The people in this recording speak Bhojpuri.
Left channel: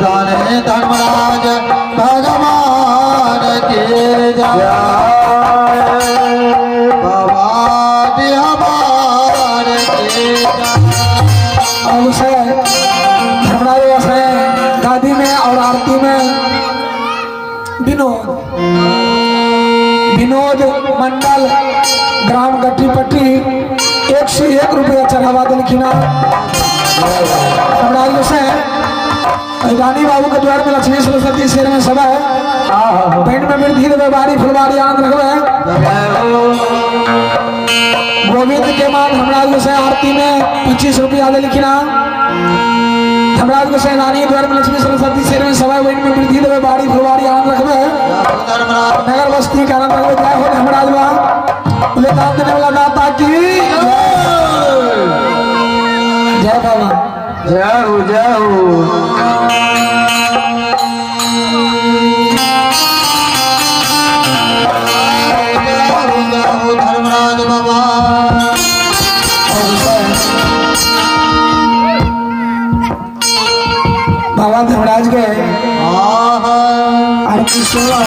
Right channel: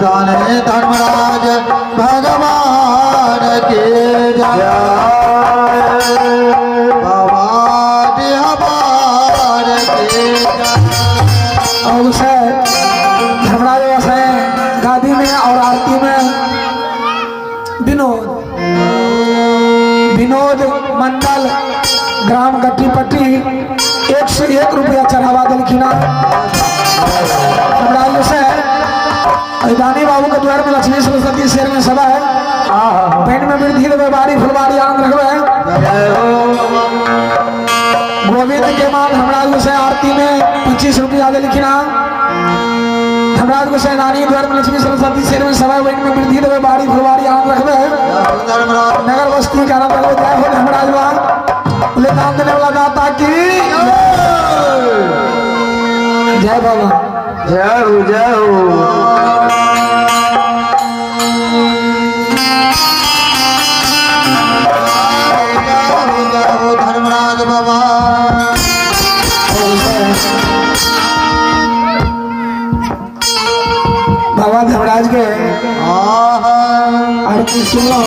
जाने धर्मराज भगवान के जय। बाबा बिहार के जय। और उसे धर्मराज वैसे गादी में और आरती में विनोद मंडल ग्राम गट्टीपट्टी 101 रुपया चढ़ावा दिलखिना। धर्मराज से दानी बाबू के द्वार में लक्ष्मी सरस्वती शेर में सभा है। पेट में वृद्धि देवे बारी फुलवारी आनंद रखवे। गोविंद के मान धर्मराज से आरती में 25 रुपया दिलखिना। धर्मराज को सेनानी द्वार में लक्ष्मी सरस्वती शेर में सभा पेट में वृद्धि देवे बारी फुलवारी आनंद रखवे। नगर बस्ती का आनंद रखवे। जय हो धर्मराज वहां ले दान देने वाला दाता की जय। बाबा जय हो जय हो। धर्मराज बाबा बाबा धर्मराज के